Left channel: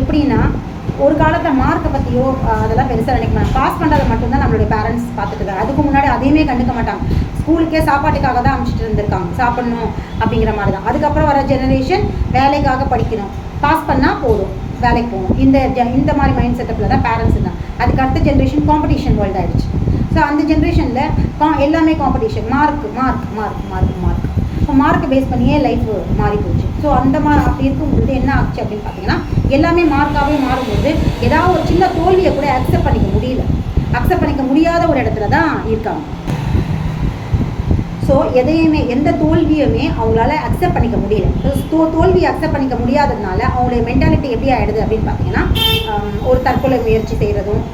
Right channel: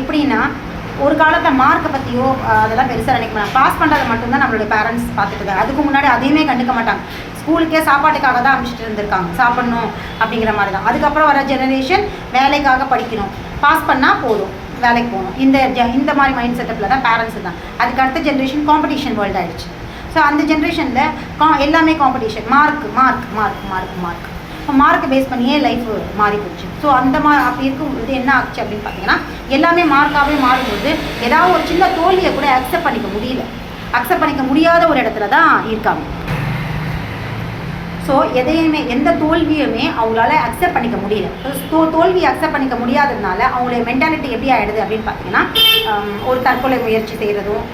எப்படின்னா ஒரு காலத்தில் மார்க்கை பற்றியோ அதெல்லாம் பெருசாக நினைக்க மாட்டாங்க. பாஸ் பண்ணுறதை மட்டும்தான் நம்மளுடைய பேரண்ட்ஸ் பார்த்துட்டு அதுக்கு முன்னாடி அதையுமே கண்டுக்க மாட்டாங்க. ஸ்கூலுக்கே சாப்பாட்டுக்காக தான் அனுப்பிச்சிட்டு இருந்திருக்காங்க, சாப்பிடணும் அப்படிங்கிற மாதிரி தான். அதுக்கப்புறம் வர ஜெனரேஷன் வேலைக்காக படிக்கணும், பாஸ் பண்ணால் போதும், வேலைக்கு போகணும். இந்த மாதிரி மைண்ட் செட்டப்பில் தான் பேரண்ட்ஸ் தான். அதுக்கு அடுத்த ஜென்ரேஷன் காம்படிஷன் வேர்ல்டு ஆகிடுச்சு. ஸோ அந்த ஜென்ரேஷனில் எல்லாமே competition, mark mark mark mark mark. இப்போ மார்க்கை பேஸ் பண்ணியே லைஃப் மாறி போச்சு. ஸோ அந்த அப்படி இருக்கும்போது என்ன ஆச்சு அப்படின்னு பார்த்தீங்கன்னா, எல்லாமே மார்க்காகவே மாறும்போது ஏதாவது ஒரு சின்ன தோல்வியை கூட அக்செப்ட் பண்ணிக்க முடியல, அக்செப்ட் பண்ணிக்க முடியாத ஒரு இடத்துல தான் இருக்காங்க. ஸோ எதையுமே எந்த தோல்வியுமே அவங்களால அக்செப்ட் பண்ணிக்க முடியல. தோல்வியை அக்செப்ட் பண்ணிக்க முடியாததுனால அவங்களுடைய மென்டாலிட்டி எப்படி ஆகிடுது அப்படின்னு பார்த்தீங்கன்னா, ஒரு தற்கொலை முயற்சி செய்கிறதும்,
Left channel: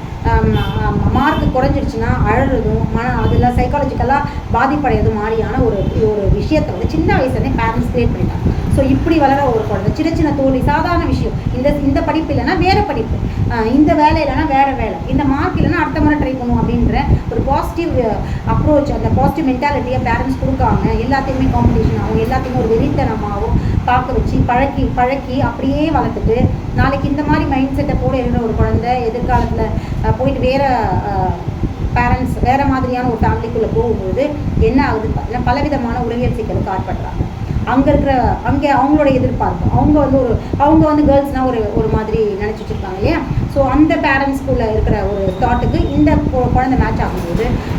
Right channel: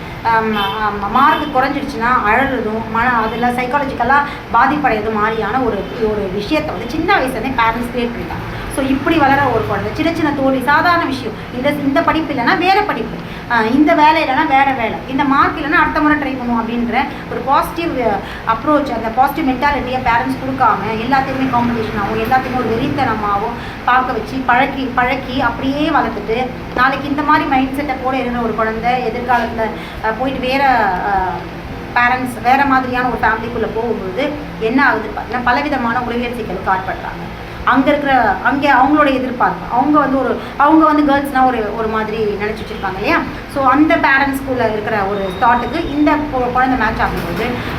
மார்க் குறைஞ்சிடுச்சுன்னா அழறதும், அதில் சைக்காலஜிக்கலாக பாதிப்படையது மாதிரியான ஒரு விஷயத்தை வந்து சின்ன வயசுலேயே பேரண்ட்ஸ் கிரியேட் பண்ணிட்டாங்க. ஸோ இப்படி வளர ஒரு குழந்தை சின்ன சின்ன தோல்வி சாதாரண விஷயம். இந்த படிப்பு இல்லைன்னா வேறு படிப்பு, இந்த வேலை இல்லைன்னா வேறு வேலை, இந்த மார்க் இல்லைன்னா அடுத்த முறை ட்ரை பண்ணுவோம் அப்படின்ற ஒரு பாசிட்டிவ் அப்ரோச், அந்த பாசிட்டிவ் மென்டாலிட்டியை பேரண்ட்ஸ் கொடுக்காம எல்லாத்தையுமே காம்படிஷன் ஆகும், எல்லாத்தையுமே ஒரு வெறித்தனமாகவும் பார்க்க வச்சு பழக்கி அப்படியே வளர்த்துட்டு நாளைக்கு இந்த மாதிரி மைண்ட் செட்டை போட இருக்கிற ஒரு குழந்தை எதிர்காலத்தில் போயிட்டு வேறு பேரண்ட்ஸ் வேறு மாதிரியான ஒரு ஃபேமிலிக்குள்ளே போகும்போது என்ன ஆகுதுன்னு பார்த்தீங்கன்னா பலவிதமான உளவியல் சிக்கலுக்கு ஆட்படுறாங்க. அங்கே அவங்களோட எதிர்பார்ப்பு, அவங்க வந்து கேர்ள்ஸ்னால் ஒரு மாதிரி நினச்சி வச்சுருப்பாங்க இல்லையா. ஸோ அந்த பேரண்ட்ஸ்குள்ளே இருக்கிற ஒரு தாட்டுக்கு இந்த குழந்தை மேட்ச்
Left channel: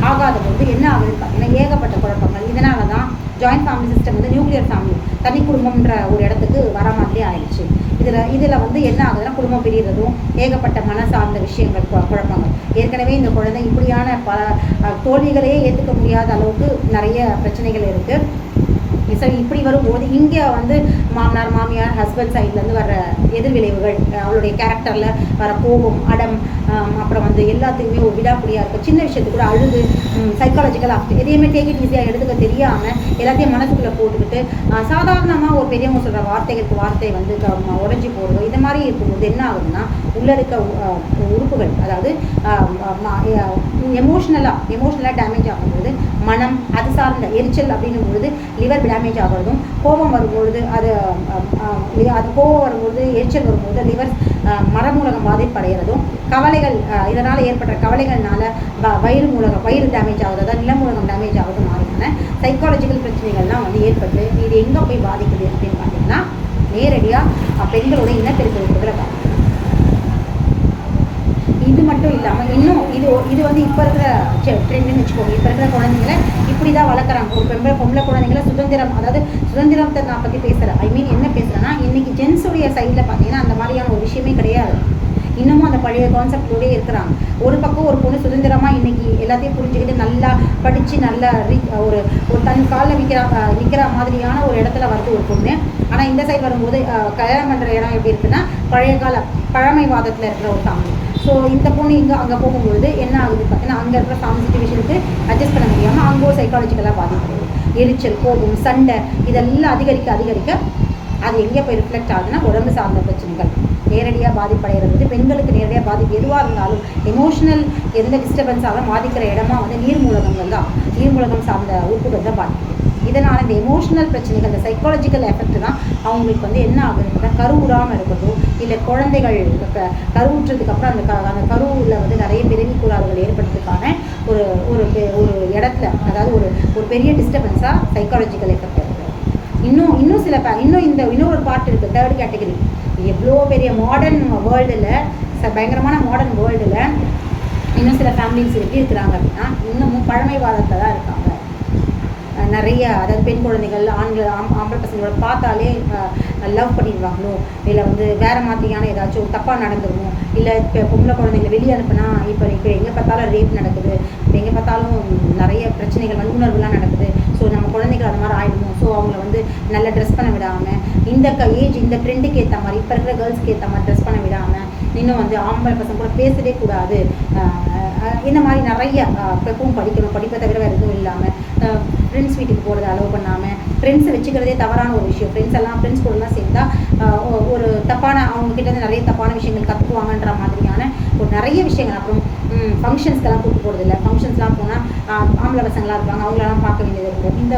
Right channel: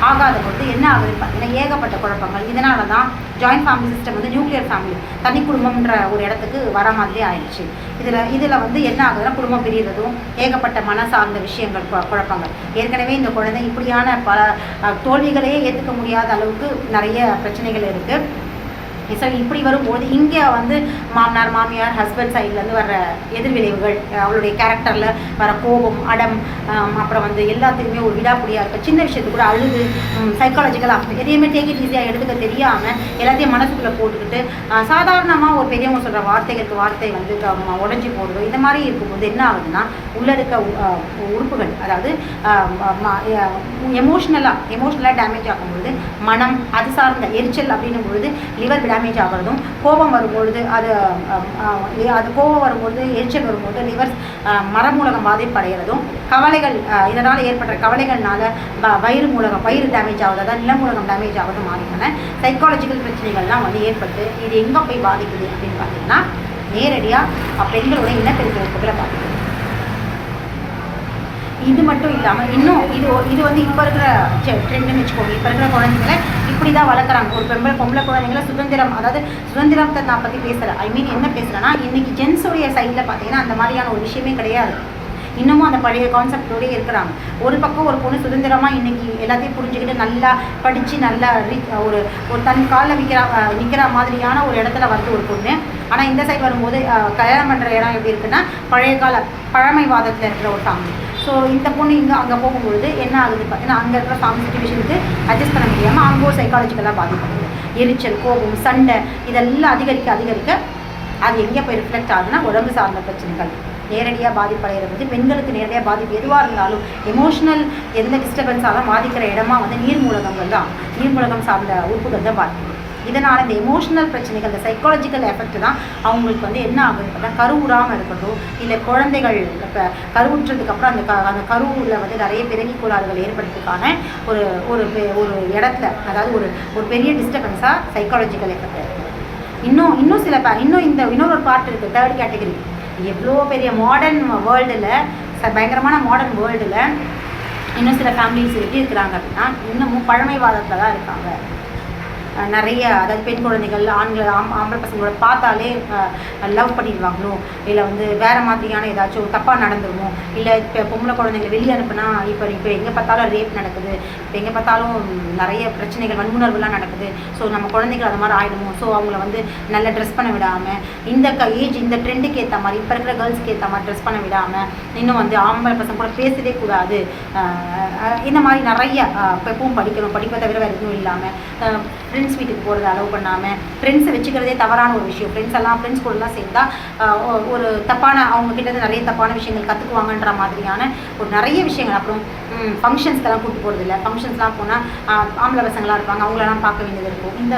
ஆகாத பொழுது என்ன ஆகுதுன்னு பார்த்தீங்கன்னா ஏகப்பட்ட குழப்பங்கள். இதனால தான் ஜாயிண்ட் ஃபேமிலி சிஸ்டம் வந்து நியூக்ளியர் ஃபேமிலி, தனி குடும்பம்ன்ற ஒரு இடத்துக்கு வர மாதிரியே ஆயிடுச்சு. இதில் வந்து என்ன ஆகுதுன்னா குடும்பம் பிரிகிறதும், ஏகப்பட்ட மன சார்ந்த விஷயங்கள், குழப்பங்கள். ஏற்கனவே இந்த குழந்தை இப்படியான பல தோல்விகளையே ஏற்றுக்க முடியாத அளவுக்கு நிறைய பிரச்சனைகள் இருக்குது. ஸோ இப்படி வரும்போது இங்கே வந்து மாமனார் மாமியார் ஹஸ்பண்ட் சைட்லேருந்து வர எதிர்விளைவுகள், அவளுடைய கேரக்டரில் வர கோபம், அடம், அப்புறம் வந்து எல்லாத்துக்குமே ஒரு விடாப்புடியாக இருக்குது. சின்ன விஷயத்துக்கு கூட அழுது சைக்காலஜிக்கலாக எதையுமே டேக் இட் ஈஸியாக எடுத்துக்க தெரியாமல் எல்லாத்தையும் மனசுக்குள்ளே போட்டுக்கிட்டு சாதாரணமாக ஒரு பெரியவங்க சொல்கிற வார்த்தை வந்து உடஞ்சி போடுறது. இந்த மாதிரி இருக்கும்போது என்ன ஆகுதுன்னா உள்ளே இருக்க உறுப்புகள், அதாவது எமோஷ்னலாக டேமேஜ் ஆகும்போது மனம், அது சார்ந்த எரிச்சல் அப்படின்னும் பொழுது லிவர் டேமேஜ் ஆகிறதும், கோபம் வரும்பொழுது கோபம் வரும்பொழுது எரிச்சல் வரும்போது லிவர் மரமூலகம் பாதிப்படைகிறதும், கவலைகள் இதனால் ஏற்படுற கவலைகள்னால வயிறு டேமேஜ் ஆகுது, அதாவது நிலமூலகம் டேமேஜ் ஆகுது மாதிரியான சைக்காலஜிக்கல் பிரச்சனைகள்லாம் வந்து ஏற்பட்டு இது எங்கே போய் பாதிக்குது அப்படின்னு பார்த்தீங்கன்னா நேரடியாக பெண்களோட இனப்பெருக்க உறுப்புகளை பாதிக்குது. இது மட்டும் இல்லாமல் இன்னும் இது வந்து இப்போ இருக்கிற ட்ரெண்டுன்னு வச்சுக்கோங்க. இப்போ இருக்கிற குழந்தைங்களை இப்படி தான் வளர்க்குறாங்க. ஒரு பொம்பளை குழந்தைங்களை சுதந்திரம், அதாவது சுதந்திரத்தை நான் பற்றி பேசுகிறேன். என்ன பேசுகிறேன்னா, இன்றைக்கி ஜென்ஸுடைய சைடில் பார்த்தீங்கன்னா அந்த மாதிரியான ஒரு விஷயமே கிடையாது. இன்னமும் அந்த பழைய கான்செப்டோடய இருக்கிறாங்க. ஒரு பக்கம் ஒரு பொண்ணு சுதந்திரமாக இன்றைக்கி எல்லாத்தையும் புரிஞ்சுக்கிட்டு நல்லா படித்து நல்லா ஒரு தன் காலில் நிற்கிற மாதிரியான ஒரு இடத்துல வருது ஒரு பொண்ணு. ஆனால் இந்த சைடு வரும்போது கல்யாணம் பண்ணுற இடம் எப்படி இருக்குன்னா பழமைவாதத்தில் இருக்கிற ஒரு ஃபேமிலி. ஸோ இந்த பொண்ணு அங்கே போகும்பொழுது என்ன ஆகுது பார்த்தீங்கன்னா அங்கே இருக்கிற ஃபேமிலி சிச்சுவேஷனுக்கு அட்ஜஸ்ட் பண்ண முடியாமல் அங்கே ஒரு சைக்காலஜிக்கலாக பாதிக்கப்படுது. எரிச்சல், கோபம், சண்டை இதெல்லாம் அதிகரிக்க அது எங்கே போய் ரிஃப்ளெக்ட் ஆகுதுன்னா உடம்பு சார்ந்த பிரச்சனைகள் நேரடியாக பாதிப்படைகிறது. பெண்களுக்கு நேரடியாக பாதிப்பு எதுவாக இருந்தாலும் எமோஷனல் எந்த டிஸ்டர்பன்ஸாலும் பாதிக்கிற இடமா வந்து நீர்மூலகங்கள் தான், நீர்மூலகம் சார்ந்த உறுப்புகள் தான் பாதிக்குது. இதனால் இந்த எமோஷனல் பிரச்சனைகள், இந்த சைக்காலஜிக்கல் எஃபெக்ட் தான் அவங்களுக்கு வந்து என்ன ஆகுதுன்னா கருவுறாமல் இருக்கிறதோ, இல்லை குழந்தைகள் கருவுற்றதுக்கு அப்புறம் அந்த கருவில் வந்து நிறைய பிறவி கோளாறுகள் ஏற்படுறதுக்கான ஒரு இடத்துல, அதாவது ஒரு பெரிய டிஸ்டர்பன்ஸாக சைக்காலஜிக்கல் எஃபெக்ட் இருக்குது. இன்னொரு பார்ட் இருக்குது, தேர்ட் கேட்டகரி. எவ்வளோ பெரிய மாடர்ன் வேர்ல்டில், பயங்கரமான மாடர்ன் வேர்ல்டில் இன்னும் சில ஃபேமிலிஸ் எப்படி இருக்கிறாங்க அப்படின்னா இன்னமும் பழமைவாதத்தில் தான் இருக்காங்க. நிறைய, அதாவது பெண் குழந்தைகள் ஆம்பளை பசங்களோட பார்த்தாலே லவ் பண்ணிடுவாங்களோ, இல்லை வந்து வேறு மாதிரியான ஏதாச்சும் தப்பாக நடந்துருமோ, இல்லை இப்போ பொம்பளை குழந்தைங்களை வெளியே அனுப்புனா இப்போ எங்கே பார்த்தாலும் ரேப் நடக்குது, இப்போ எங்கே பார்த்தாலும் நிறைய பிரச்சனைகள், வன்புணர்வுலாம் நடக்குது. ஸோ நம்ம குழந்தைகள் அது மாதிரி ஆகிடுமோ, ஸோ அவங்கள வந்து நல்லா ட்ரெஸ் பண்ண விடாமல், இந்த ட்ரெண்டுக்கு ஏற்ற மாதிரி, இப்போ இருக்கிற கேர்ள்ஸ்க்கு ஏற்ற மாதிரி ட்ரெஸ் பண்ண விடாமல், இன்னும் வந்து ஆம்பளை பசங்க கூட பேசவே கூடாது, இந்த மாதிரி நிறைய எப்பவும் படிக்கணும், படிப்பை தவிர வேறு எதுவும் இல்லாமல் ஃப்ரெண்ட்ஸ் வீட்டுக்கு போகிறத அலோவ் பண்ணாமல், ஃப்ரெண்ட்ஸை வச்சுக்கிறதே தவறான ஒரு விஷயம். ஃப்ரெண்ட்ஸ் கூடலாம் சேர்ந்தா ஒரு தப்பான, அவங்கக்கிட்ட நிறைய தப்பான விஷயங்கள் கற்றுக்குவாங்கன்ற மாதிரியான ஒரு நிறைய விஷயங்கள். அப்புறம் ஃபங்க்ஷன்ஸ்க்கெல்லாம் கூப்பிட்டு போகிறது இல்லை, ஃபங்க்ஷன்ஸ்லாம் போனால் ஆம்பளை பசங்களாக இருப்பாங்க, அவங்களெல்லாம் பார்க்க வேண்டியது இருக்கும். இந்த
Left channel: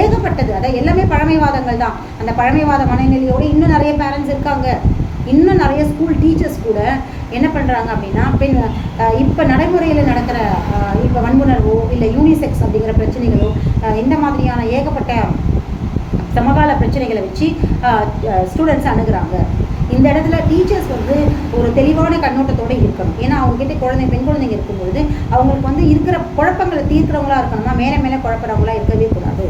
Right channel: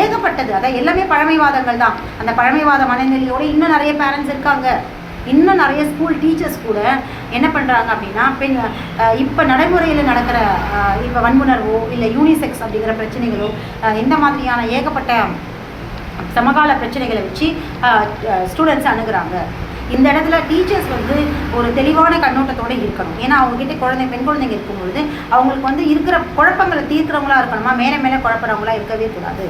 ஏகப்பட்டது, அதாவது எல்லாமே பழமைவாதங்கள் தான். அந்த பழமைவாத மனநிலையோடு இன்னும் நிறைய பேரண்ட்ஸ் இருக்காங்க. இன்னும் நிறைய ஸ்கூல் டீச்சர்ஸ் கூட என்ன பண்ணுறாங்க அப்படின்னா இப்போ நடைமுறையில் நடக்கிற இப்போ வன்புணர்வோ இல்லை யூனிசெக்ஸ் அப்படிங்கிற பிரச்சனைகளோ இந்த மாதிரியான ஏகப்பட்ட சமகால பிரச்சனைகளை வச்சு ஸ்டூடெண்ட்ஸை அணுகுறாங்க. இந்த இடத்துல டீச்சர்ஸ் வந்து ஒரு தெளிவான கண்ணோட்டத்தோடு இருக்கணும். ஏன்னா அவங்ககிட்ட பெண் குழந்தைங்க இருக்கும்பொழுது அவங்களுக்கு வந்து இருக்கிற குழப்பங்களை தீர்க்கிறவங்களா இருக்கணுமா, மேலே மேலே குழப்பறவங்களா இருக்கவே கூடாது.